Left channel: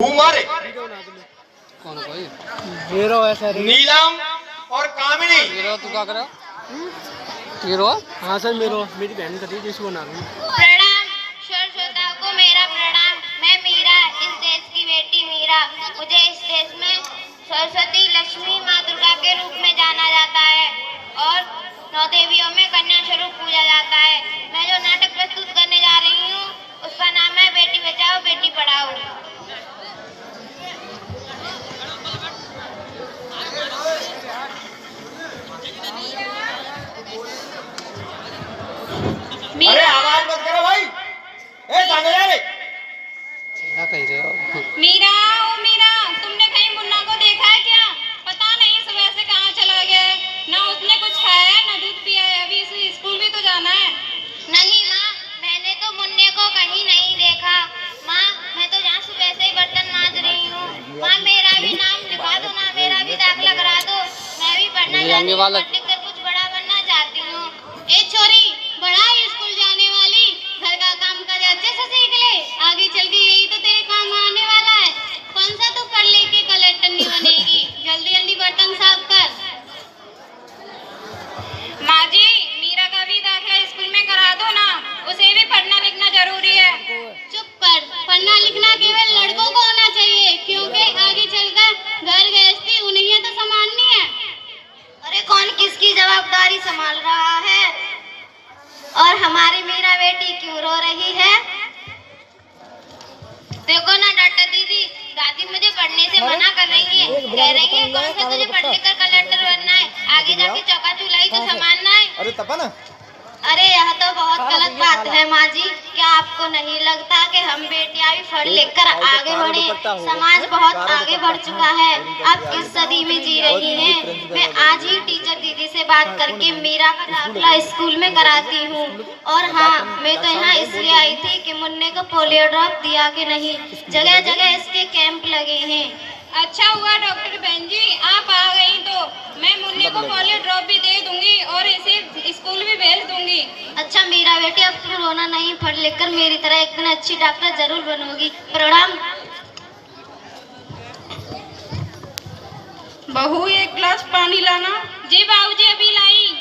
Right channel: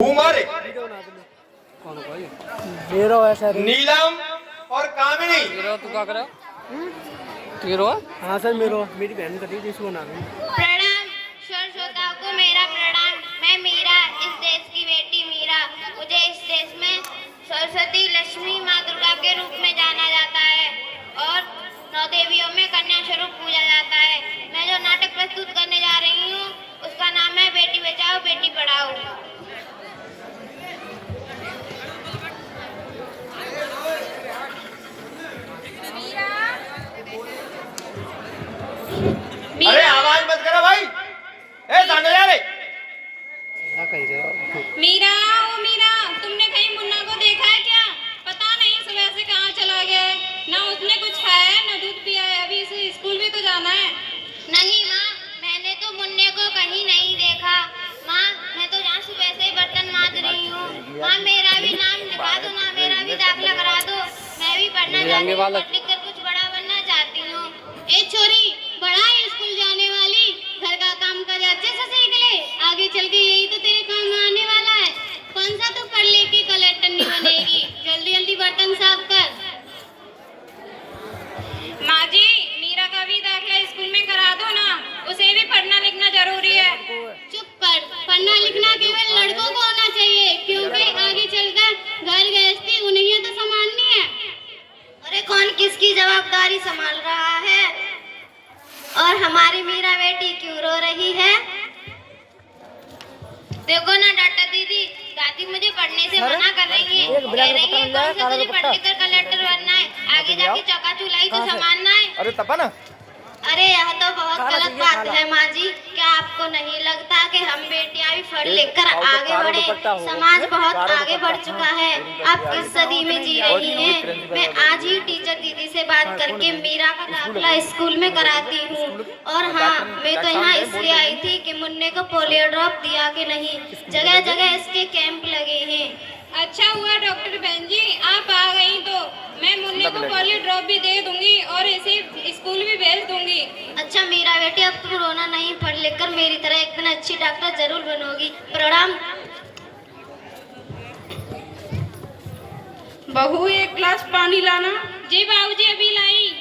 हमारे कौन कोई हीरो है सर। नीलम और कामिनी। हीरो तू क्या करे हीरो? हाँ सर मेरी बहन करी जिसको बना रही हूँ। प्रणाम श्रोताओं को मेरा प्रणाम। मैं मीरा, इस देश की बेटी मीरा। मुझे इस देश में सरस्वती लक्ष्मी माँ दुर्गा के रूप में जाना जाता है और 9 देवियों में कन्या स्वरूप पूजा जाता है। मैं जो नाटक प्रस्तुत करने जा रही हूँ उसका नाम है बेटी बचाओ बेटी पढ़ाओ। अरे आवाज मत करो भाई। सामने जा रे। क्या कह रहे हो? मीरा, ओ मीरा, तुमने कहीं मुन्ना को देखा है क्या? पता नहीं सुबह से कहाँ चला गया है। ना उसने कुछ खाया है ना दूध पिया है। अभी इसे स्कूल भी तो जाना है। नहीं माँ, मैंने तो मुन्ने को कहीं नहीं देखा। माँ, मैं तो यहाँ सुबह से बर्तन मांज रही हूँ। माँ, मेरा भी नाम लिखवा दो ना, मेरा भी दाखिला करा दो। मैं भी पढ़ना चाहती हूँ, पढ़ लिख कर कुछ बड़ा बनना चाहती हूँ। ए छोरी, बड़ा ही स्कूल जाने वाली, घर का काम काज अच्छे से सीख ले। आगे चल के यही तो तेरे काम आने वाला है। कौन सा तू पढ़ लेके कलेक्टर नहीं बनेगी? जल्दी जल्दी बर्तन साफ कर। माँ जी, मीरा का भी दाखिला स्कूल में करा दो ना, उसे भी पढ़ना लिखना जरूरी है। चुप कर, पढ़ना लिखना केवल लड़कों को होना चाहिए, क्योंकि आगे चलकर घर गृहस्थी उन्हें तो संभालनी है। अरे कौन किसकी जवाबदारी संभाल रहा है? और हमारी मीरा बेटी क्यों रो रही है? देखो ना डॉक्टर दीदी, दादी मुझे पढ़ने से मना कर रही है। कह रही है कौन सा तुझे पढ़ लिख कर कलेक्टर बनना है, आगे जाके चौका चुलाई तो संभालना है। अरे तपन, अरे यह तो बहुत गलत बात है माँ जी। क्या आपको नहीं लगता कि हम बेटियां भी पढ़ लिख कर आगे बढ़े? समाज बहुत आगे बढ़ चुका है। आप किस सदी में जी रही हैं? मैं आज ही टीचर दीदी से बात करके मीरा का दाखिला स्कूल में कराती हूँ। और हाँ, मैं तो यहाँ इसलिए आई थी कि मुन्ने को पोलियो ड्रॉप दिया कि नहीं। जगह जगह इसके कैंप लगे हैं। अच्छा हुआ डॉक्टर बहन जी आप आ गई, तो मैं मुन्ने को पोलियो ड्रॉप भी दे दूंगी और इसे स्कूल भी भेज दूंगी। अच्छा मेरा बेटी, अब तुम रोना नहीं, पढ़ लिख कर मेरी तरह एक दिन अच्छी डॉक्टर जरूर बनोगी। प्रणाम। बहू, एक गिलास पानी लाना। जी बाबूजी, अभी लाई।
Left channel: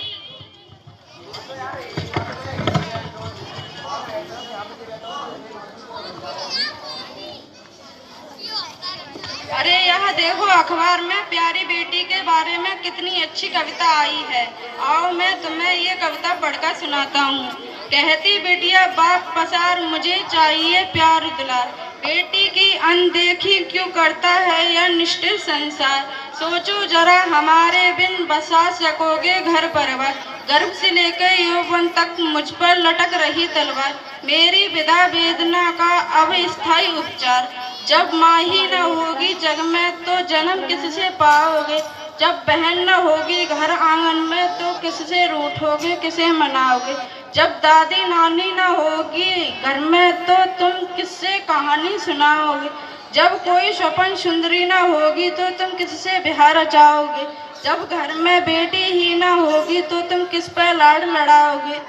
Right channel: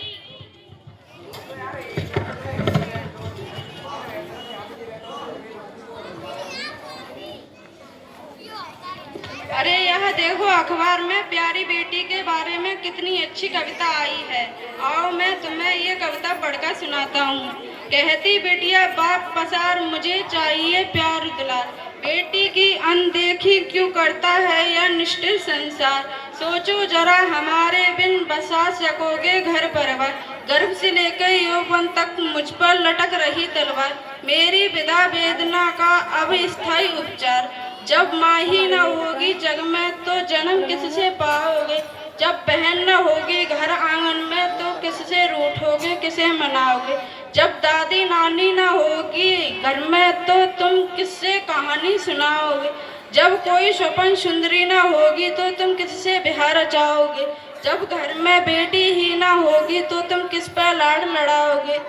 अरे यह देखो, अखबार में प्यारी बेटी के बारे में कितनी अच्छी कविता आई है। आओ मैं तुम्हें ये कविता पढ़कर सुनाता हूँ। कहती बेटिया बाप पसार, मुझे चाहिए प्यार दुलार। बेटी की अनदेखी क्यों करता है यह निष्ठुर संसार। सोचो जरा हमारे बिन बसा सकोगे घर परिवार। गर्भ से लेकर यौवन तक मुझ पर लटक रही तलवार। मेरी विधा वेदना का अब स्थायी उपचार। जब माँ ही न होगी जग में तो जन्म किससे पाओगे। जब बहन न होगी घर आंगन में तो किससे रूठोगे, किसे मनाओगे। जब दादी नानी न होगी घर में तो तुम किससे कहानी सुनाओगे। जब कोई स्वपन सुंदरी न होगी तो तुम किससे बिहार रचाओगे। जब घर में बेटी ही न होगी तो तुम किस पे लाड़ लड़ाओगे।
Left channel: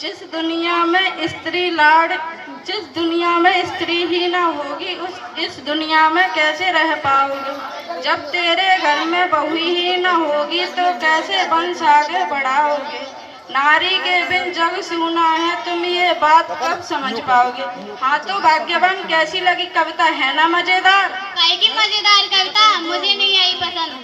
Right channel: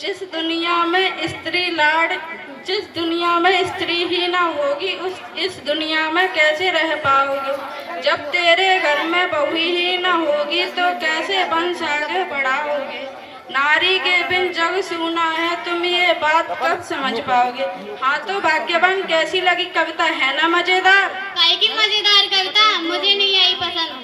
जिस दुनिया में स्त्री ही ना होगी इस दुनिया में कैसे रह पाओगे। जब तेरे घर में बहू ही ना होगी तो कैसे वंश आगे बढ़ाओगे। नारी के बिन जग सूना है, तुम ये बात कब समझ पाओगे। हाँ तो भाग्यवान, कैसी लगी कविता, है ना मजेदार? काहे की मजेदार कविता, मुझे नहीं आई पसंद।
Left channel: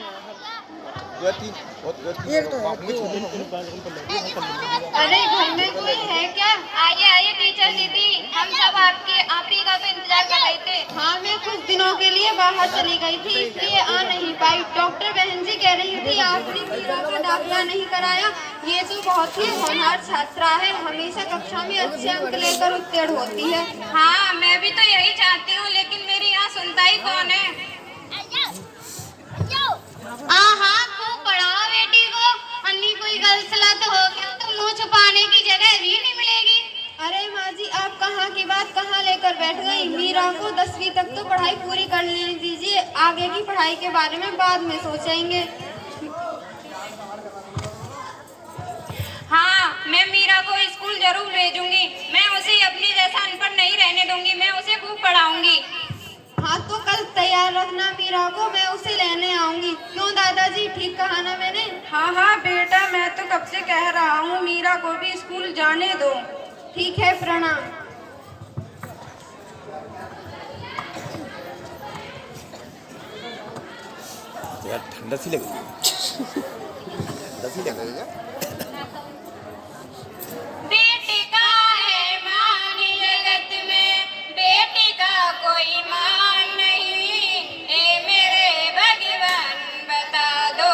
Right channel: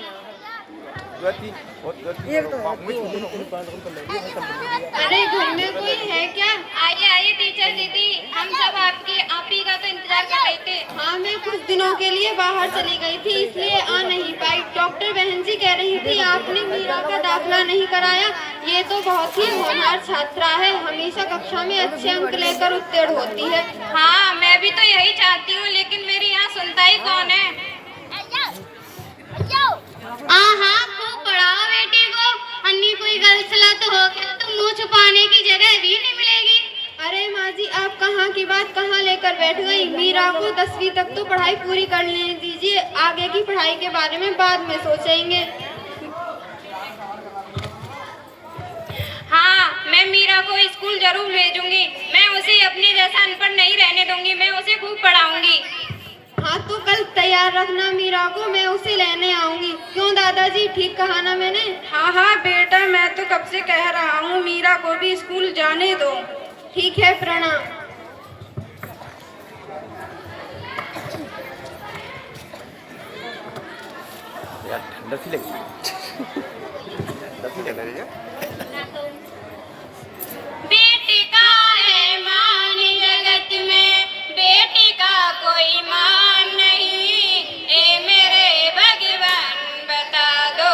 अरे घर में कोई है क्या? आइए आइए टीचर दीदी, हम सब आप ही का तो इंतजार कर रहे थे। हाँ, मैं कुछ दिनों के लिए बाहर चली गई थी इसलिए आ नहीं पाई। डॉक्टर बहन जी कह रही थी आपने मीरा का दाखिला नहीं कराया। ये तो बहुत ही होनहार छात्रा है, हमेशा कक्षा में अच्छे अंक लेकर उत्तीर्ण होती है। हाँ, मैं भी तो यही चाहती हूँ, लेकिन मेरी यहाँ सुनता ही कौन है। हाँ, खूब पढ़ाओ बेटी को। अन्नी कोई गलत सलाह तो हो गया तो मुंह छुपाने की जगह भी नहीं मिलेगी। अरे माँ जी, आप कहाँ की बात कहाँ लेकर बैठ गई। मीरा को 10वीं तक तो पढ़ाई पूरी कर लेने दीजिए, आगे की पढ़ाई के बारे में बाद में सोचेंगे। हाँ, मैं मीरा को स्कूल जरूर भेजूंगी। मैं उसे अपने जैसा अनपढ़ नहीं रहने दूंगी, मैं उसे खूब पढ़ाऊंगी। हाँ तो कल तैयार रखना मीरा को, मैं उसे लेने आऊंगी। क्यों दादाजी, ठीक कहा ना मैंने? हाँ हाँ बेटा, मैं तो कब से कह रहा हूँ मीरा को भी स्कूल जाने दो। ठीक है, प्रणाम। यार ठंडा सी लगी ठंडा सी लग रही है। बेटी का है मान जगत में, बेटी का कोई मान नहीं। ए मेरे भगवान बता दो,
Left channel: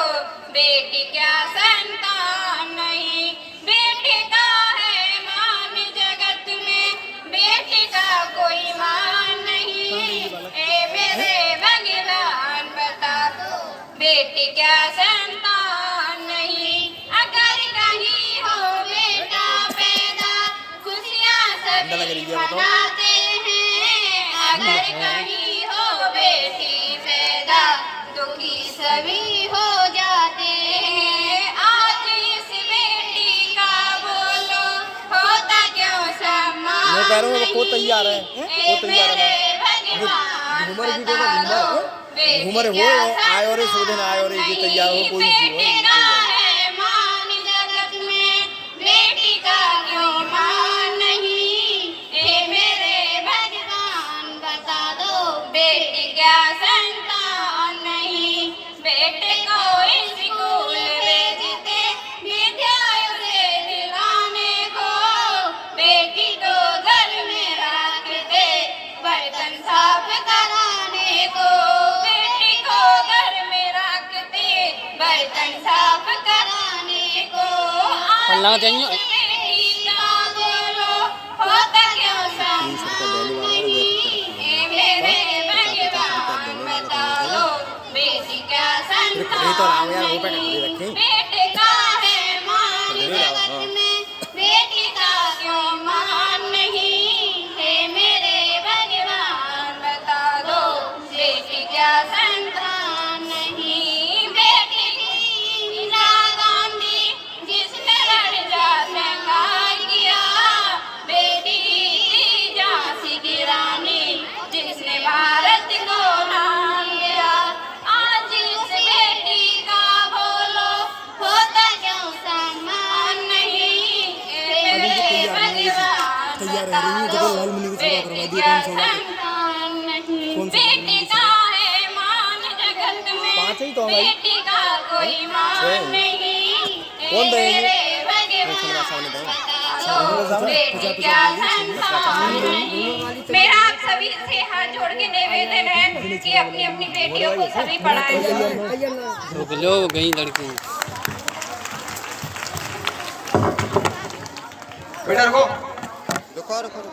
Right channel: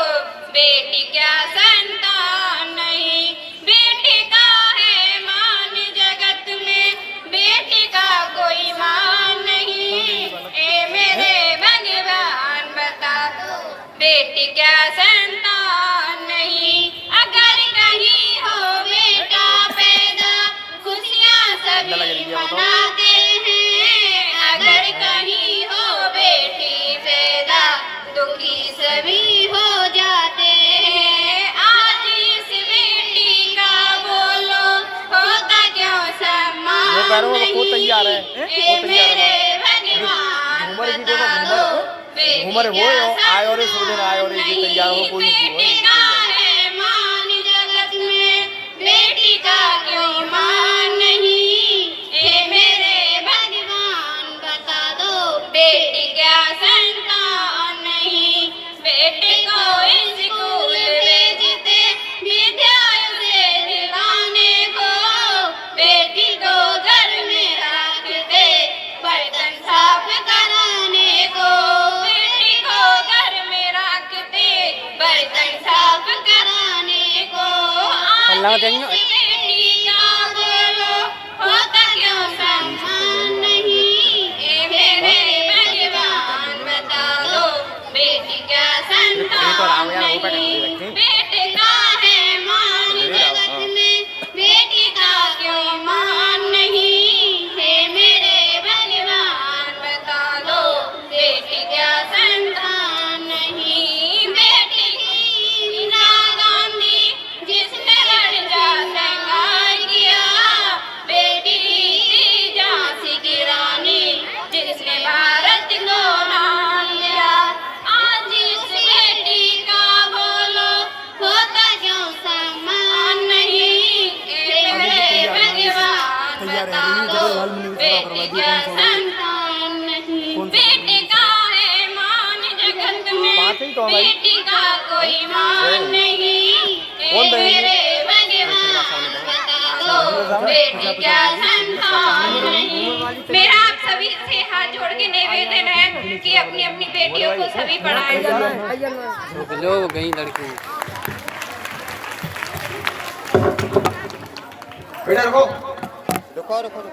बेटी क्या संतान नहीं। बेटी का है मान जगत में, बेटी का कोई मान नहीं। ए मेरे भगवान बता दो, बेटी क्या संतान नहीं। अगर कहीं हो बेटा पैदा, खुशियाँ सभी मनाते हैं। अगर कहीं हो बेटी पैदा, दुखी सभी हो जाते हैं। आज इस बेटी का बोलो, होता क्यों सम्मान वो कह रहा हूँ, वो तैयार है, नहीं। वो तैयार है। मेरे भगवान घूमर वीडियो बता में दो, घूमर हो आए और सो दिन आए और ये तैयार हो कोई बेटी का है मान जगत में, बेटी का क्यों मान नहीं। ए मेरे भगवान बता दो, बेटी क्या संतान नहीं। बेटे को स्कूल भेजते, विद्यालय से दिलाने को, बेटी को घर में रखते, बर्तन साफ कराने को। बेटी को घर में रखते, बर्तन साफ कराने को। अल्लाह देंगे। बेटी का बोलो, होता क्यों सम्मान नहीं। ए मेरे भगवान बता दो, बेटी क्या संतान नहीं। बेटे का है मान जगत में, बेटी का क्यों मान नहीं। हे मेरे भगवान बता दो, बेटी क्या संतान नहीं। बेटी की इंदिरा गांधी जिसने लड़जा संघार किया, बेटी की झांसी की रानी जिसने भारत को नाम दिया। आज इस बेटी का बोलो, होता क्यों सम्मान नहीं। ए मेरे भगवान बता दो, बेटी क्या संतान नहीं। बेटी का है मान जगत में, बेटी का कोई मान नहीं। ए मेरे भगवान बता दो, बेटी क्या संतान नहीं। मेरा आप सभी से हाथ जोड़ के निवेदन है कि अपनी अपनी बेटियों को सभी पढ़ाएं। रुक लो, गई लड़की। बेटा रुको रुको रुको।